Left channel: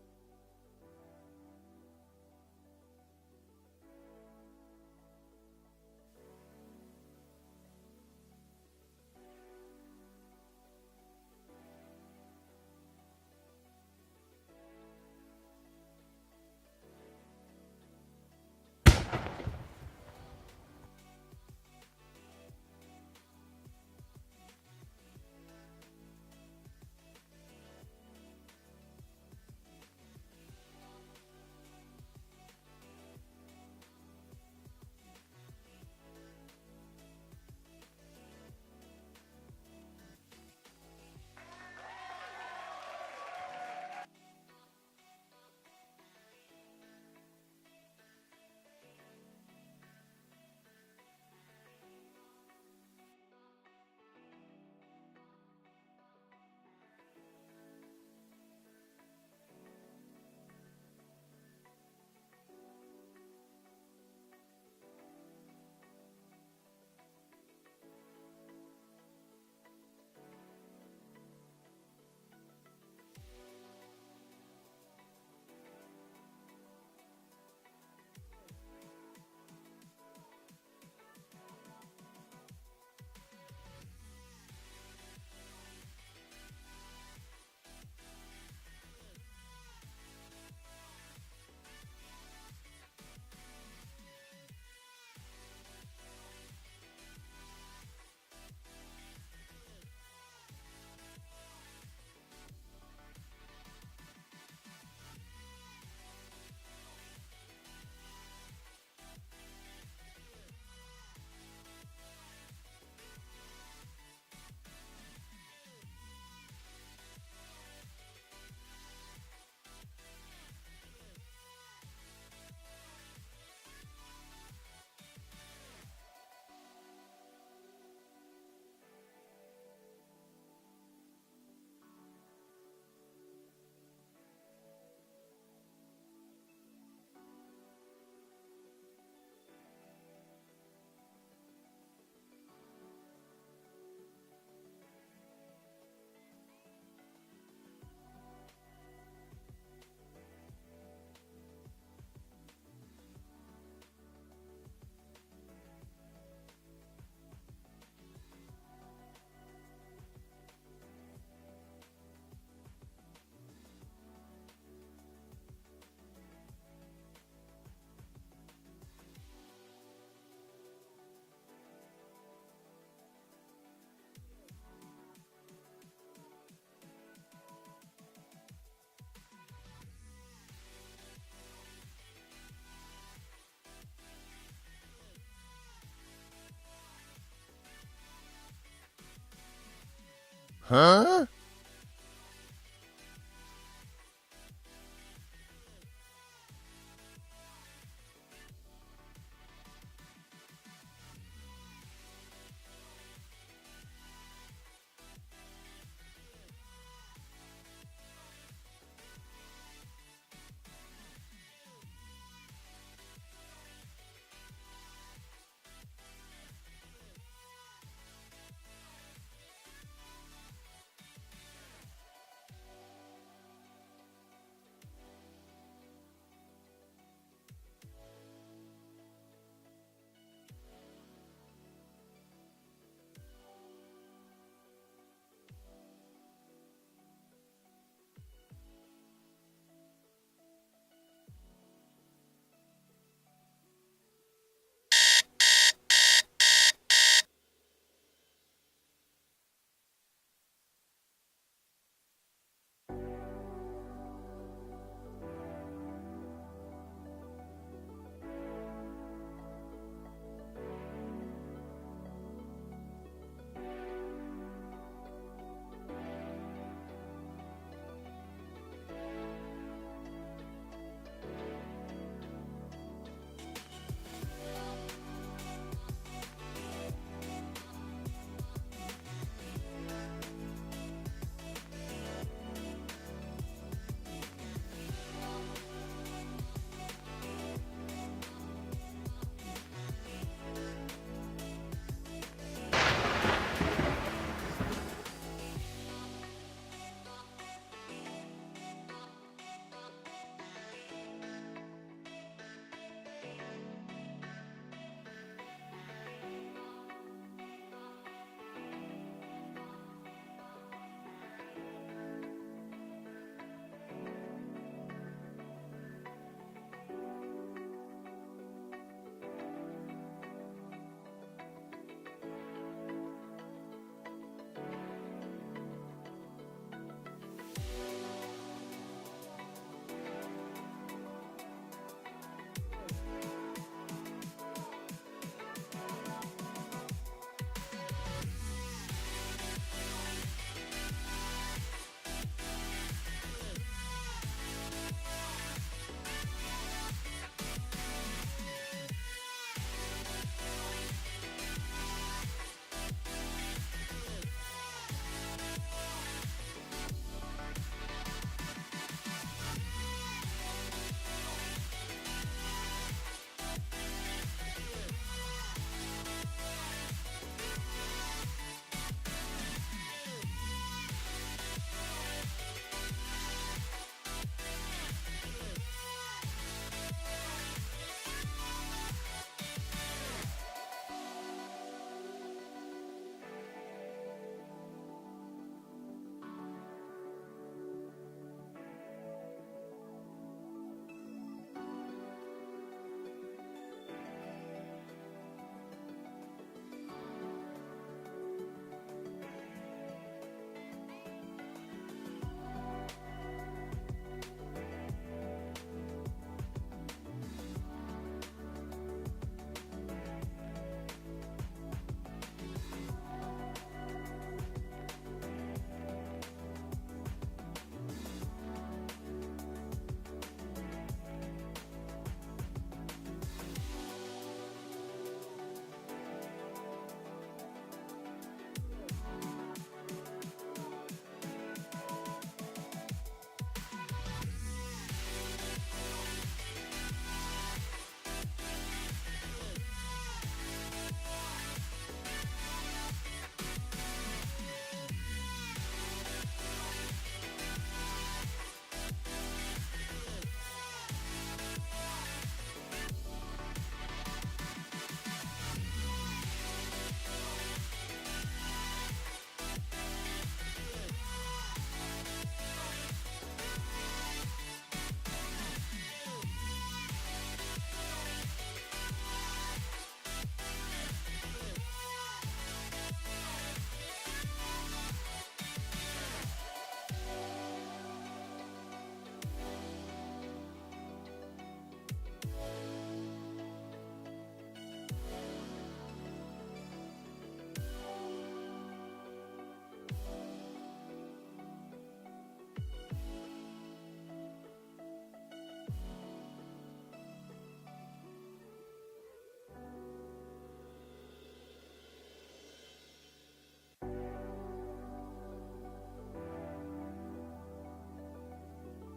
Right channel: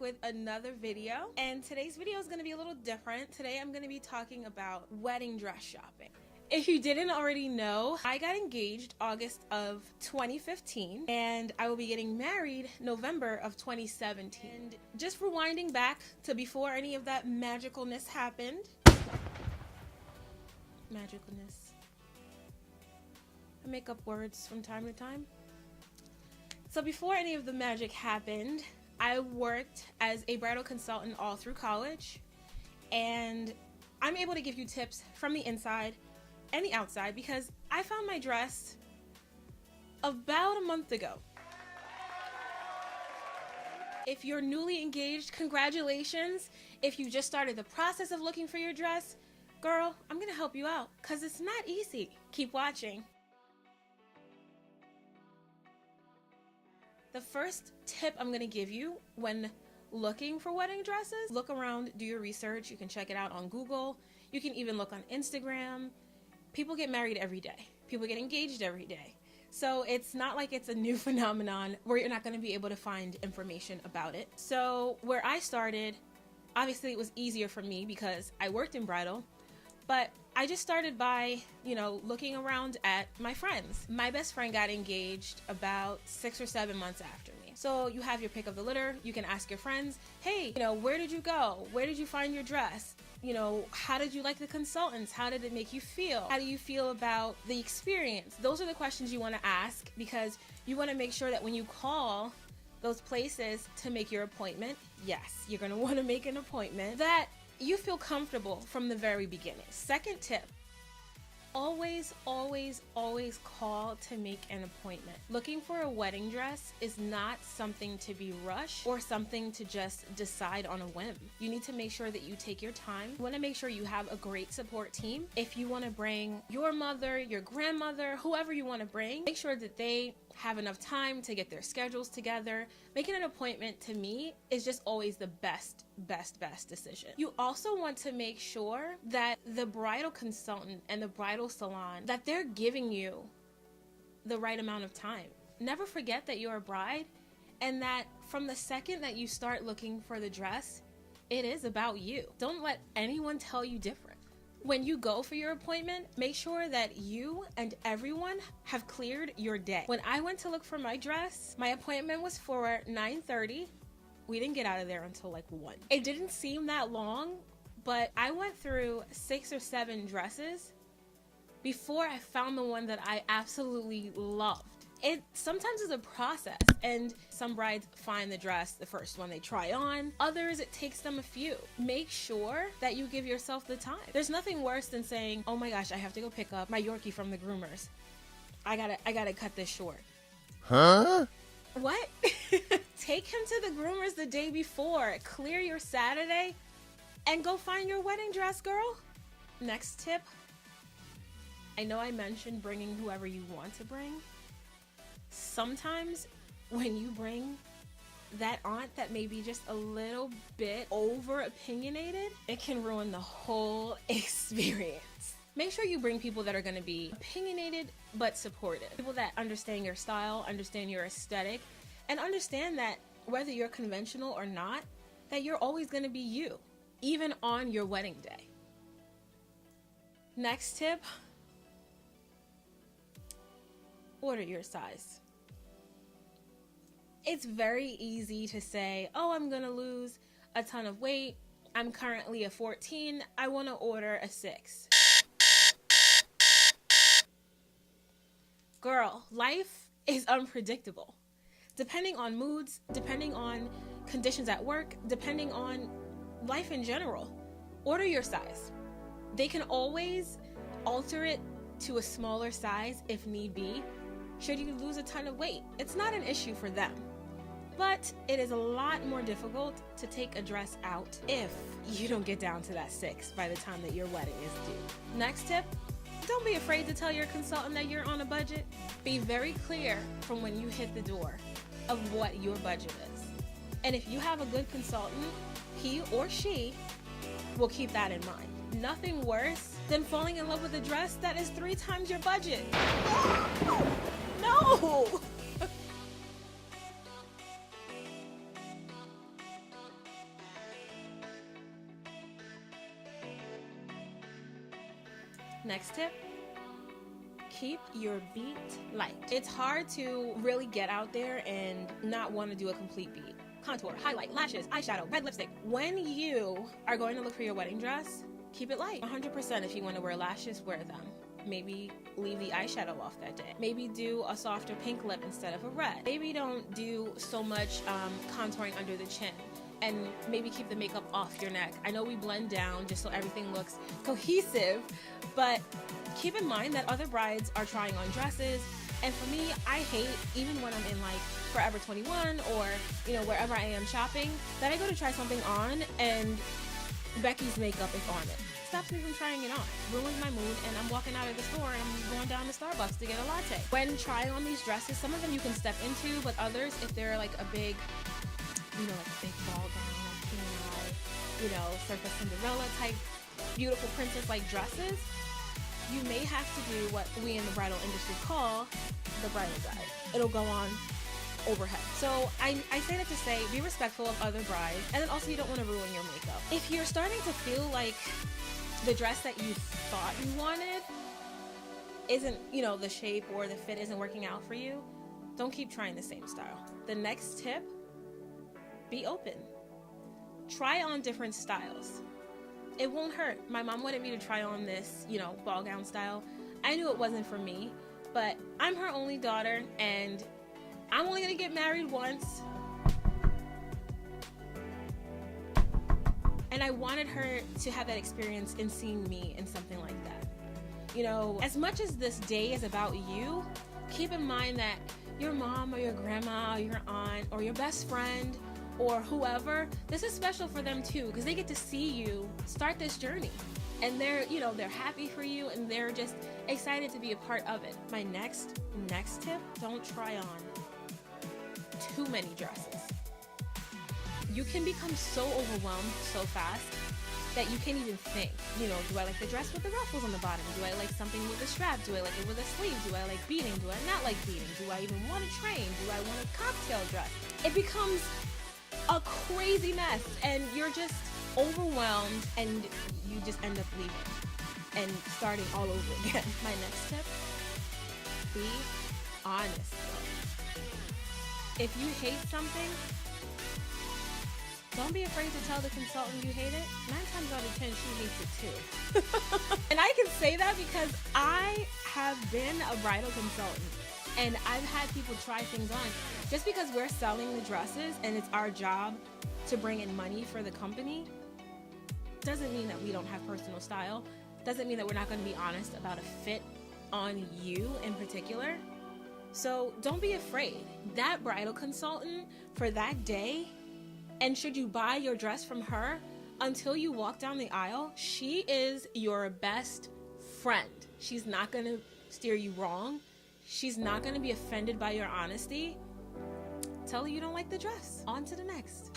with another video, and today's video is going to be a little different. Today I'm going to be talking about wedding dress shopping. If you didn't already know, I got engaged August of 2015 and I will be getting married November of 2017. And just rewinding back to before any of that magicalness happened. Magicalness. I make up words from time to time. So before any of the magic happened, I worked as a bridal consultant all through college, and I'm able to give you tips from the inside and the outside because I found my dress about a month ago. If you're newly engaged, congratulations. If you just started the process of looking for your dress, girl, I'm gonna help you out because it's not easy. Keep watching. The first tip I'm gonna give you when looking for wedding dresses, look around, do your research. You can check it out on Google. You can even look on Instagram. People get married every day. People get engaged every day. So it's not like it's a new phenomenon where you're not gonna be able to find information about it. So where I started, obviously it was easier for me because I worked in bridal, but I just started by, looking around at my friends. My best friend got engaged about 6 or 7 months after me. So you have your pick of the litter. You can ask your friends, hey, where did you go? Where did you find your dress? How did you like the consultants? How did it make you feel? How do you feel about the experience? Those are the questions you want to ask because you want to make sure that when you call those places to make your appointment, yes, you're going to want to make an appointment, that you feel comfortable from the very beginning. Second tip, always, always, always call to make an appointment. Looking for a wedding dress is not something to be rushed or something to just decide on a whim. You need to make sure that you take your time. You want to make sure you have a great support team. If you want to bring your mother, your grandmother, whoever you want to bring, make sure that they have enough time to get their schedules together. Making an appointment, to me, is just always the best decision. You also want to make sure that the bridal consultant and the bridal salon, that they're giving you the right amount of time. Never forget that you're a bride and that from the second that you start looking for the dress, it is about you. Don't let anyone tell you different. When you go for your appointment, make sure that you and everyone have cleared your day. When I went to look for my dress, my appointment was for 9:30. We didn't get out of there until like 1. It didn't seem that long, but I went through 6 or 7 dresses before I found the one that I absolutely loved. It sometimes is a process, and some brides find the dress the first one they try on. Others, it takes them a few. Make sure that you give yourself the time. There's nothing worse than saying, oh my gosh, I have to go pick up my Yorkie from the groomers. I gotta cut this short. Huh? What? Take him to the groomers the day before. Clear your Saturday and go find your wedding dress, girl. Next tip. I know I mentioned bringing whoever you want to bring. Sometimes when you bring that aunt that may be just a little bit over opinionated, it can ruin the whole experience. Make sure you bring people that are going to be opinionated but supportive. People that understand your style, understand your aesthetic, and understand that whether you're conventional or not, that you're always going to be you, even on your wedding day. Next tip, order your size. It's very easy to say, oh, I'm gonna lose a ton of weight. I'm currently a 14. I want to order a 6. Girl, life is unpredictable. Depending on moods, depending on conditions at work, depending on life in general, order your size. They can always alter it to a smaller size if need be, should you lose a ton of weight. It's not an issue for them. But it is a lot more difficult to take a dress out if you don't get down to that 6 by the time that your wedding is due. Next tip, don't be afraid to tell your consultant that you're on a budget. Be very clear from when you hit the door of what your budget is. And if you have a good consultant, he or she will keep that in mind. Nothing worse than falling in love with a dress that is 3 times your budget. No! Next tip, keep your beat light. It's hard to really get out there and not want to do a complete beat. Contour, highlight, lashes, eyeshadow, red lipstick. When you are going to look for your wedding dress, keep it light. 100% if you want to wear lashes, wear them. Maybe leave the eyeshadow off that day. Maybe do a softer pink lip instead of a red. Maybe don't do so much contouring under the chin. And maybe keep the makeup off your neck. I know we blend down just so everything looks cohesive, but keep in mind that other brides are trying on dresses. And for me, I hate, even when I'm in like Forever 21 or, you know, wherever I am shopping, that I go to try something on and Becky's makeup is on it. Stops me from trying it on. Ruins my mood, and I'm walking out of the store and I'm going down to Starbucks to get a latte. When trying on these dresses, some of them you can step into, but others, if they're like a big, you know, big ball gown, you know, sort of Cinderella type, beautiful princess like dresses, you may have to do what we in the bridal industry call the bridal side. It'll go on overhead. So I say that to say, be respectful of other brides, and then also you don't want to ruin your makeup. If you're starting to feel like the dress that you thought you wanted isn't, you know, the shape or the fit isn't working out for you, don't keep trying the same style. The next tip, be open. Try on different styles. It won't hurt. My mom wanted me to try on this, you know, ball gown style. I knew it wasn't for me, but I'm her only daughter and I'm only gonna get married once. And I wanted her to have that experience in seeing me in something like that. You know, as much as this day is about you, keep in mind that your mom or your grandma or your aunt or your best friend or whoever, this is special for them too, because they get to see you start this journey. And they're, you know, they're happy for you and they're just excited to be a part of it. My next tip, don't try on too many dresses. You can become so overwhelmed so fast that you can't even think. You know, do I like the dress with the ruffles on the bottom? Do I like something with a strap? Do I like it with a sleeve? Do I like beading? Do I not like beading? Do I even want a train? Do I want a cocktail dress? It becomes a crazy mess and you're just overwhelmed and you just end up leaving and starting all over again. My next tip, be honest. If you hate something, don't be afraid to tell the consultant you hate it. 9 times out of 10, she hates it too. And I can say that because I have been a bridal consultant and I've had people try things on. Just because we're selling the dresses and it's our job to bring in money for the company, doesn't mean that we don't have personal style. Doesn't mean that we're not going to be honest about a fit on you in particular. So don't be afraid. That bridal consultant for that day, and should you buy your dress from her, until you walk down the aisle, she is your best friend. She's not going to steer you wrong. She's not going to be offended by your honesty. Tell her you don't like the dress. On to the next.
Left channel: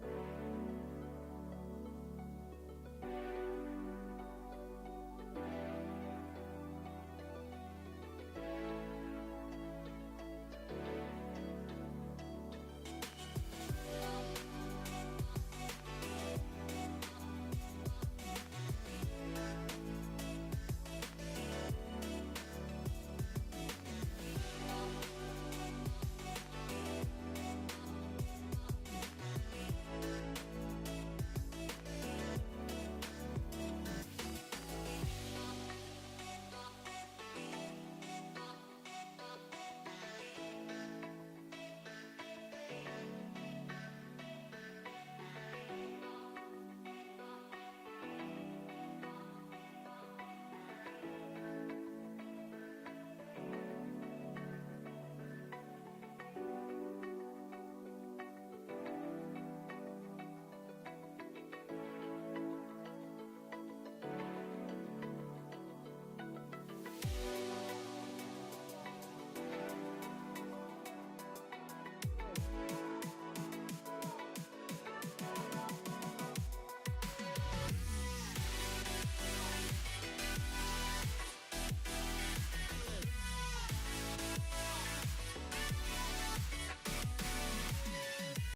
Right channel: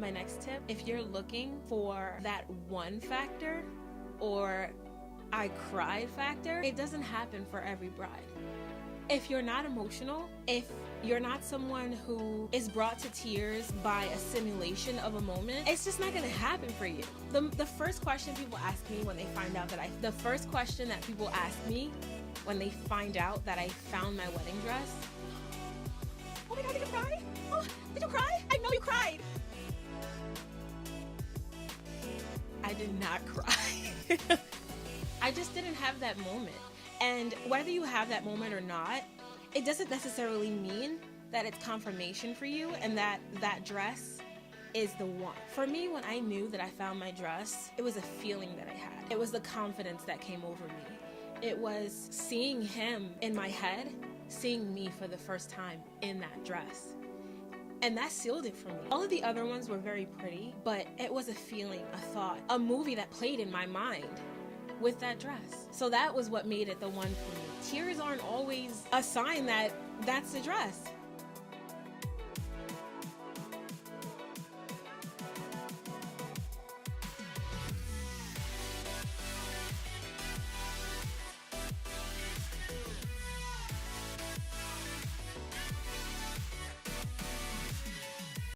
My next tip, if you're looking for that one factor or I cried factor, it doesn't happen for every bride. If you're not emotional, if you're not someone who is brought to tears by a simulation of a moment, it's just not going to happen for you. The first question people ask me when they find out that the first question that people ask me when they find out that I found my wedding dress, oh my God, did you cry? Oh, did you cry? I know you cried. I did not cry. I just didn't have that moment. And whether you have that moment or not, it doesn't necessarily mean that it's confirmation for you and that that dress is the one. For me, when I knew that I found my dress, it was a feeling that I had. It was the confidence that came over me. It was seeing him in my head, seeing me for the first time in that dress. And that sealed it for me. All of the other ones were very pretty, but it was a feeling, a thought, a movie that played in my mind with that dress. So that was what made it the one for me. Tears aren't always a sign that that's the dress.